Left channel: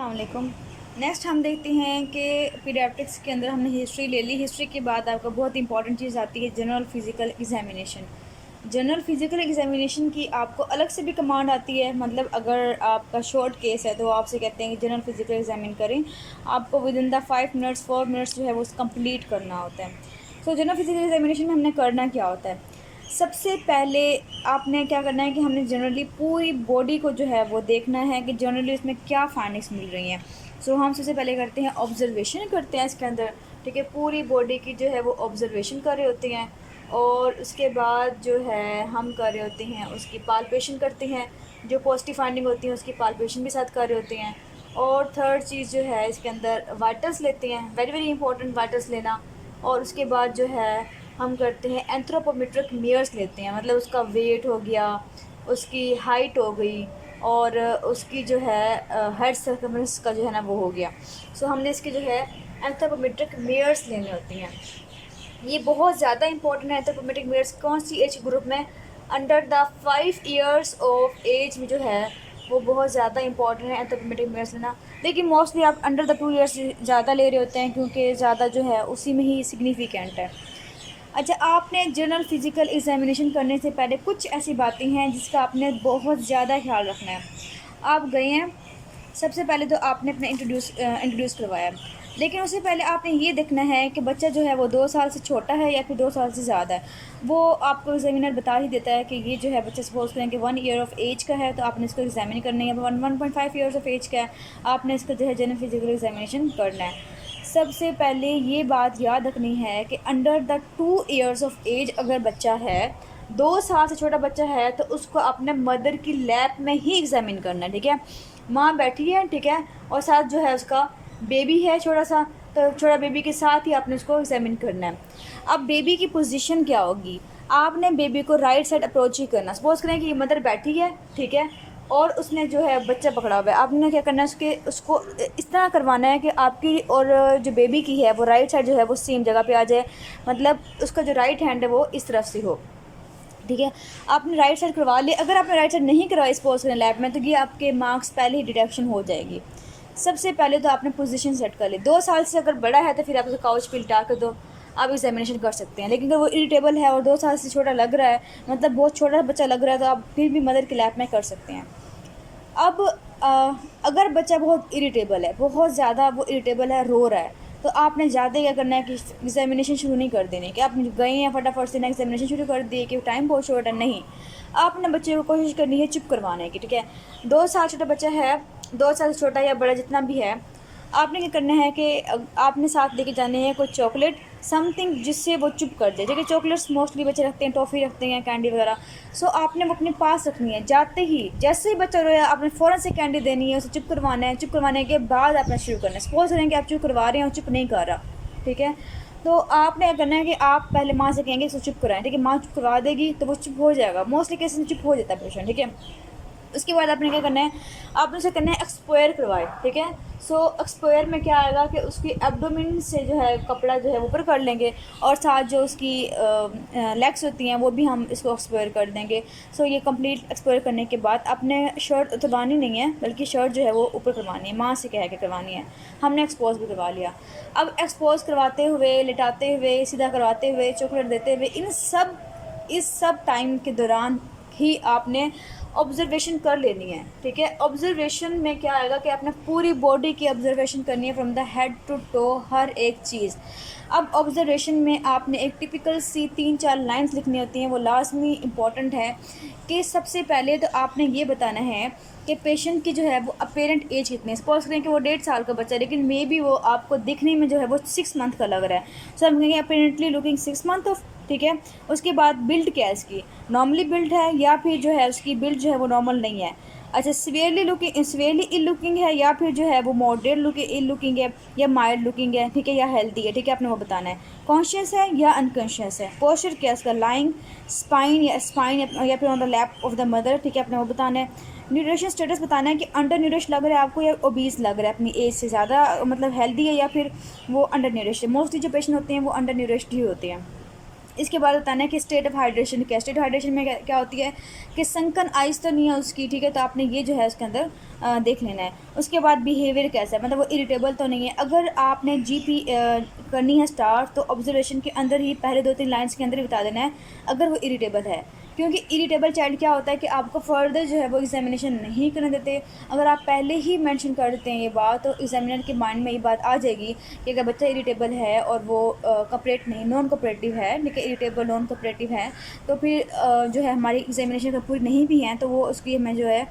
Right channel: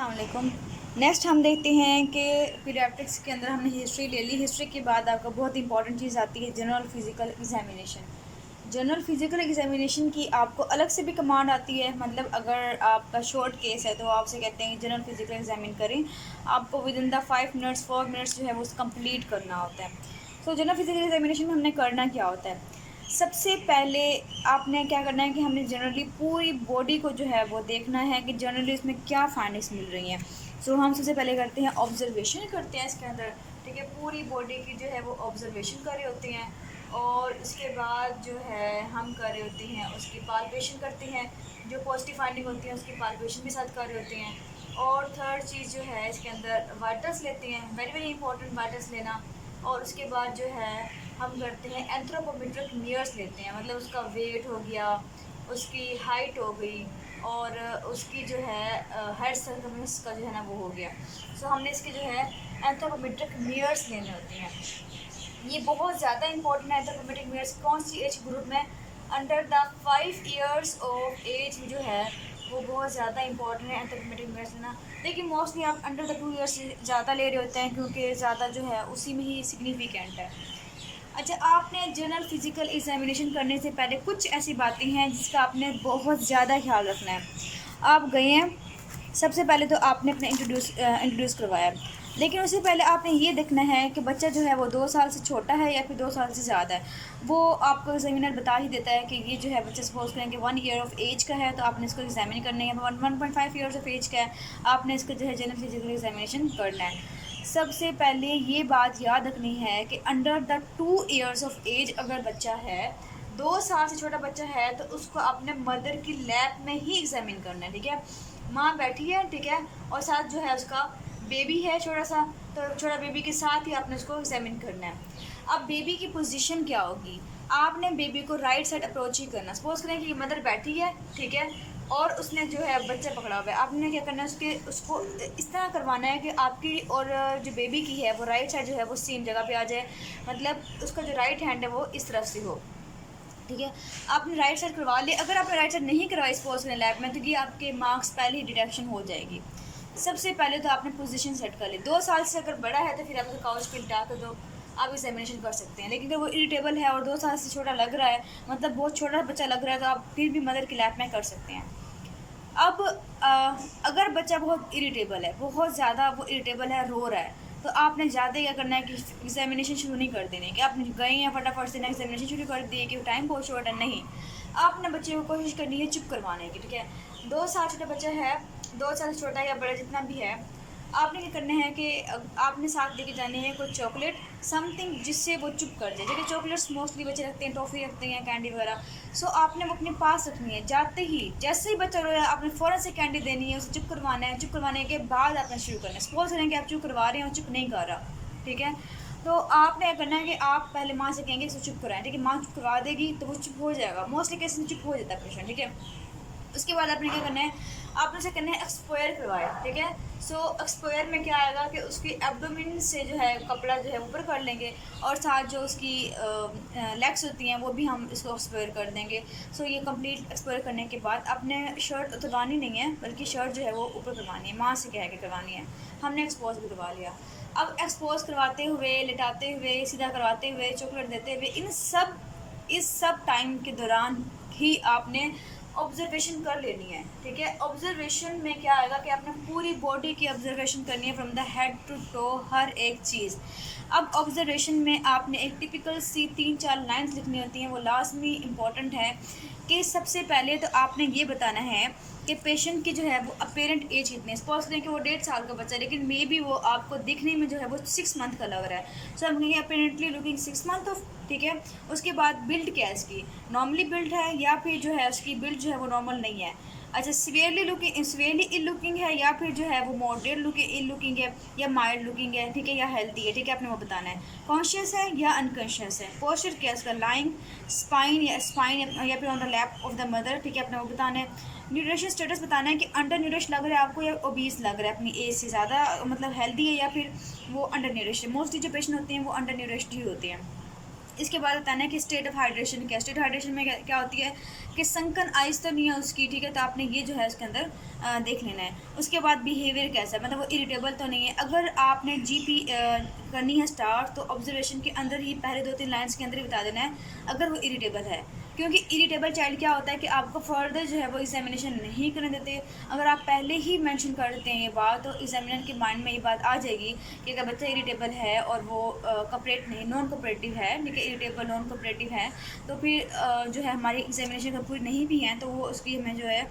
अस्सलाम वालेकुम। नेक्स्ट हम देखते हैं कि पीडियाट्रिक्स के अंदर हमने हिस्ट्री ले ली। हिस्ट्री के बाद आपका बहुत इंपॉर्टेंट चीज़ आती है general physical examination. General physical examination की आपको अलग से भी कमांड आती है। मतलब अगर आपका शॉर्ट केस है तो वो आपसे कहते हैं कि जनरल फिज़िकल एग्जामिन करें। आपको विद इन द 4 मिनट्स जो है वो कंप्लीट करना होता है। सो जनरल फिज़िकल एग्जामिनेशन में हमने करना क्या होता है, सबसे पहले आपने क्या करना है कि हमने जनरली पूरी बॉडी को जो है वो देखना है कि जनरली उसमें क्या फाइंडिंग्स मिल रही हैं। सो हम सबसे पहले करते हैं ऑब्जर्वेशन करते हैं इसके अंदर, ठीक है। पूरी बॉडी की जो है वो ऑब्जर्वेशन कर रहे होते हैं और उसके बाद जो है हम कर रहे होते हैं उसकी पाल्पेशन करते हैं। जो पॉजिटिव फाइंडिंग होती है उसकी पाल्पेशन भी साथ कर रहे होते हैं। और थर्ड चीज़ जो है इसके अंदर वाइटल्स लेते हैं, वेरी वेरी इंपॉर्टेंट वाइटल्स लेना। और उसके बाद जो है हम करते हैं एंथ्रोपोमेट्रिक मेयर्स लेते हैं, मतलब उसका वेट हो गया, उसकी हाइट हो गई और उसकी जो है हेड सर्कमफेरेंस का जो है ना वो हो गया। सो हमने इसके जो है एंथ्रोपोमेट्रिक मेयर्स लेने होती हैं। ये बहुत ज़्यादा इंपॉर्टेंट है। एंथ्रोपोमेट्रिक मेयर्स कौन सी एज ग्रुप में, under the 5 years of age में जो है वो बहुत ज़्यादा इंपॉर्टेंट है एंथ्रोपोमेट्रिक मेयर्स लेना। लेकिन मोस्टली आप अंडर द 2 ईयर्स ज़्यादा ले रहे होते हैं क्योंकि ज़्यादा जो है उसी में ही सिग्निफिकेंट है। अच्छा, आपने जनरल फिज़िकल एग्जामिनेशन करने से पहले कुछ ऐसी बातें हैं जिसका आपने बहुत ज़्यादा ख्याल रखना है। आप गए हैं, सबसे पहले तो आपने अपना इंट्रोड्यूस करवाया, लेकिन उससे पहले आपने ये देखना है कि बच्चा जो है वो 2 साल से छोटा है या फिर 2 साल से ज़्यादा है। वो आपको एग्जामिनर बता ही देता है कि ये जो है बच्चा सपोज करें कि 1 ईयर ऑफ एज का है तो आपने इसको एग्जामिन करना है, 1.5 ईयर्स ऑफ एज का है आपने इसका जो है जनरल फिज़िकल एग्जामिनेशन करना है। सबसे पहले ये बात याद रखनी है कि under the 2 years of age अगर बच्चा है, 2 साल से छोटा बच्चा है, तो उसको अपने मदर की लैब में ही एग्जामिन करना है, ठीक है। माँ बैठी है, ठीक है, और साथ जो है उसका बेबी है छोटा सा, तो छोटा बेबी के साथ ही आपने उसको एग्जामिन करना है। अब बेबी की पोजीशन क्या होगी, आपने बेबी को राइट साइड अप्रोच ही करना। सपोज करें कि मदर बैठी है, ठीक है, और उसने जो है बच्चा पकड़ा हुआ है, आपने क्या करना है उसको इस तरह करवाना है कि आपकी और जो बेबी की है वो राइट साइड जो है वो सेम जगह पे आ जाए, मतलब उसका जो राइट हैंड है वो इस तरफ से हो, ठीक है। आपने राइट साइड करवा लिया। अगर आपने राइट साइड नहीं करवाई स्पोर्ट्स करें लैब में तो ये आपके मार्क्स पहले ही डिडक्शन हो जाएगी। सबसे पहले तो आपने पोजीशन सेट कर ली। 2 साल से अगर बड़ा है तो फिर आप उसको काउच पे लिटा कर दो, आप एग्जामिनेशन कर सकते हैं। लेकिन अगर वो इरिटेबल है और 2 साल से छोटा लग रहा है, मतलब बहुत छोटा बच्चा लग रहा है, तो आप फिर भी मदर के लैब में कर सकते हैं। अब अगर बच्चा बहुत इरिटेबल है, बहुत ज़्यादा वो इरिटेबल है, रो रहा है, तो आपने ज़्यादा क्या करना है कि एग्जामिनेशन शुरू नहीं कर देने कि आप गए हैं फटाफट से ना एग्जामिनेशन शुरू कर दिए कि टाइम बहुत शॉर्ट है, नहीं। आपने बच्चे को कोशिश करनी है चुप करवाने की, ठीक है। 2 साल छोटा बच्चा है, 2 साल से छोटा या बड़ा जितना भी है, आपने क्या करना है कि आपने साथ लेके जाने हैं कोई चॉकलेट, समथिंग जिससे वो चुप कर जाए। देखिए चॉकलेट्स मोस्टली बच्चे रखते हैं, टॉफ़ी रखते हैं, कैंडी वगैरह। सो आपने वो अपने पास रखनी है। जाते ही जैसे ही बच्चा रोया आपने फ़ौरन से कैंडी देनी है, उसे चुप करवाना है। चुप करवाने के बाद आपने शुरू करना है। सपोज करें कि आप चुप करवा रहे हैं और चुप नहीं कर रहा, ठीक है, तो आपने क्या करना है कि आप पहले माँ से कहेंगे इसे चुप कराएं, ठीक है। माँ चुप करवा देगी तो वो चुप हो जाएगा, मोस्टली केस में चुप हो जाता है पेशेंट, ठीक है। उसके बाद आपने क्या करना है, आपने उसे करना है एक्सपोयर करवाए, ठीक है। सो एक्सपोयर में क्या आएगा कि उसकी एब्डोमेन से जो है कपड़ा जो है ऊपर कर लेंगे और साथ जो उसकी लेग्स होती हैं वो भी हम इसको एक्सपोयर कर देंगे। सो ये कंप्लीट एक्सपोयर करने के बाद आपने शर्ट उतरवानी नहीं है, बल्कि शर्ट जो है वो ऊपर करवानी है, माँ से कह के करवानी है। हमने एक्सपोज भी करवा लिया। अब एक्सपोज करवाते हुए, लिटाते हुए, सीधा करवाते हुए, चॉकलेट देते हुए, इस सब टाइम के दौरान ही आपने ऑब्जर्वेशन कर लेनी है, ठीक है। ऑब्जर्वेशन में क्या आएगा कि आपने पूरी बॉडी की ऑब्जर्वेशन करनी है, from the head to toe, हर एक चीज़। अब ऑब्जर्वेशन में आपने एक टिपिकल सी 3-4 लाइंस लिखनी होती हैं, वो लाजमी इम्पॉर्टेंट है कि सबसे पहले तो आपने ये बताना है कि पेशेंट की जो है वो अपेरेंट एज कितनी है। सपोज करें कि वो 1.5 साल का बच्चा है, लेकिन मे बी वो आपको दिखने में जो है वो 6 मंथ का लग रहा है। सो हम कहेंगे अपेरेंटली लुकिंग 6 मंथ ऑफ, ठीक है। उसके बाद बिल्ड क्या है इसकी, नॉर्मली बिल्ड है या फिर जो है उसकी बिल्ड जो है वो नॉर्मल नहीं है। अच्छा, सीवियरली इल लुकिंग है या फिर जो है वो मॉडरेट इल लुकिंग है या माइल्ड लुकिंग है, ठीक है, या हेल्दी है, ठीक है, आपने वो बताना है। कॉन्शियस है या अनकॉन्शियस है, पोस्चर क्या है उसका, लाइंग, स्पाइन या फिर on the lap of the mother, ठीक है, आपने वो बताना है। न्यूट्रिशन स्टेटस बताना है कि अंडर न्यूरिश लग रहा है आपको या ओबीस लग रहा है अपनी एज से ज़्यादा, मतलब हेल्दी है या फिर वो अंडर न्यूरिश है। मोस्टली जो पेशेंट होते हैं वो अंडर न्यूरिश्ड ही होते हैं। इसके बाद बताना है कि स्टेट ऑफ हाइड्रेशन क्या है। स्टेट ऑफ हाइड्रेशन में क्या होती है कि संकन आइस तो नहीं है उसकी, ठीक है, तो आपने ये जो है उसके अंदर देख लेना है। उसके बाद बिहेवियर कैसा है, मतलब वो इरिटेबल तो नहीं है। अगर आपने जीपी करनी है स्टार्ट, तो ऑब्जर्वेशन के अंदर ही पहले 2-3 लाइन्स के अंदर ही बता देना है अगर वो इरिटेबल है, क्योंकि इरिटेबल चाइल्ड क्या होता है कि आपको फर्दर जो है वो एग्जामिनेशन नहीं करने देते। अगर आप पहले ही मेंशन कर देते हैं ये बात, तो एग्जामिनर के माइंड में ये बात आ जाएगी कि अगर बच्चा इरिटेबल है और वो कॉपरेट नहीं, नॉन कोऑपरेटिव है, लेकिन इरिटेबल नॉन कोऑपरेटिव है, तो फिर जो है हमारी एग्जामिनेशन का पूरी नहीं भी हैं तो वो उसकी हमें जो है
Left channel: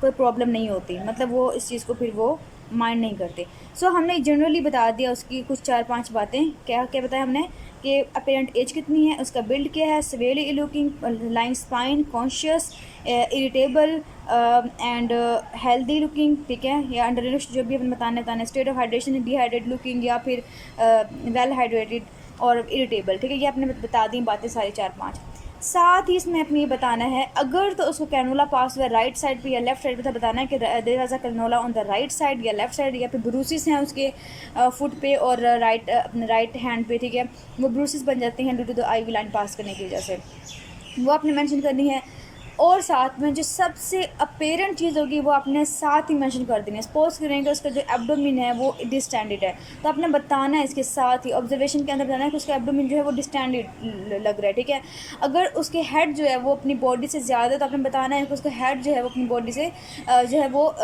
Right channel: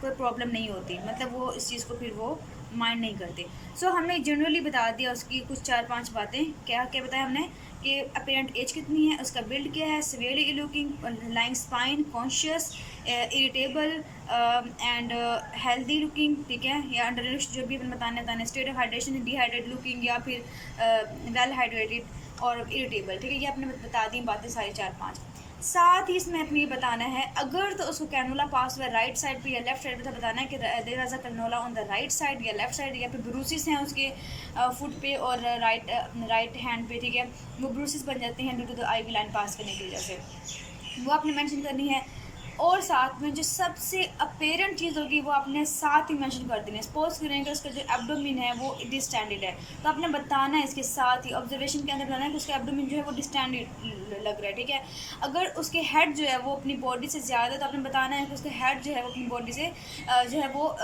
कोई प्रॉब्लम नहीं होती, मतलब वो इस चीज़ को फिर वो माइंड नहीं करते। सो हमने जनरली बता दिया उसकी कुछ 4-5 बातें। क्या क्या बताया हमने कि अपेरेंट एज कितनी है, उसका बिल्ड क्या है, severely looking, lying spine, conscious, irritable and healthy looking, ठीक है, या अंडर जो भी अपन बताने state of hydration, dehydrate looking या फिर वेल हाइड्रेटेड और इरिटेबल, ठीक है, ये आपने बता दी बातें सारी 4-5। साथ ही इसमें अपने ये बताना है अगर तो उसको कैनोला पास हुआ राइट साइड पे या लेफ्ट साइड पे, तो बताना है कि there was a cannula on the right side या लेफ्ट साइड, या फिर ब्रूसिस हैं उसके फुट पे और राइट हैंड पे, ठीक है, वो ब्रूसिस बन जाते हैं due to the IV line pass करने की वजह से, वो आपने मेंशन करनी है। और साथ में जो सबसे अपेरेंट चीज़ होगी वो आपने साथ ही मेंशन कर देनी है। सपोज करेंगे उसका जो एब्डोमिन है वो डिस्टेंडेड है, तो आपने बताना है इसके साथ ही ऑब्जर्वेशन के अंदर बताना है कि उसका एब्डोमिन जो है वो डिस्टेंडेड लग रहा है, ठीक है। अगर उसके हेड जो है वो अपनी बॉडी से ज़्यादा है, तो आपने बताना है कि उसका हेड जो है वो अपनी बॉडी से जो है वो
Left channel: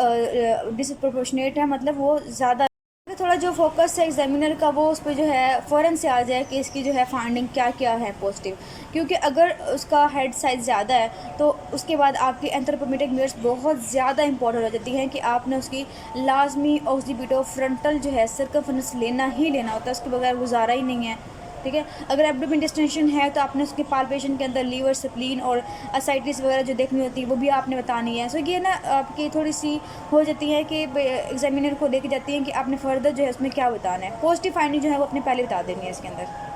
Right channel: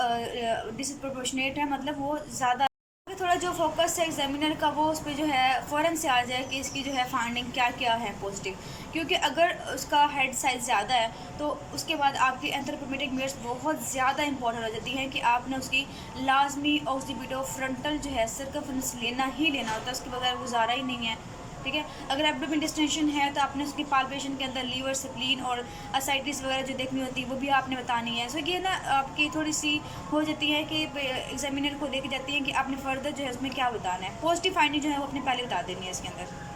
डिसप्रोपोर्शनेट है, मतलब वो ज़्यादा। थोड़ा जो फोकस है एग्जामिनर का वो उस पर जो है फ़ौरन से आ जाए कि इसकी जो है फाइंडिंग क्या क्या है पॉजिटिव, क्योंकि अगर उसका हेड साइज़ ज़्यादा है तो उसके बाद आपकी एंथ्रोपोमेट्रिक मिरर्स बहुत ज़्यादा इंपॉर्टेंट हो जाती हैं कि आपने उसकी लाजमी ऑक्सीपिटो फ्रंटल जो है सर्कमफेरेंस लेना ही लेना होता है, उसके बगैर गुजारा ही नहीं है, ठीक है। अगर एब्डोमेन डिस्टेंशन है तो आपने उसके पाल्पेशन के अंदर लीवर, स्प्लीन और असाइटिस वगैरह जो देखनी होती है वो भी आपने बतानी है। सो ये ना आपकी थोड़ी सी हो जाती है कि एग्जामिनर को लेके जाती है कि आपने फर्दर जो है इसमें क्या बताना है। पॉजिटिव फाइंडिंग जो है वो अपने पहले बता देनी है इसके अंदर।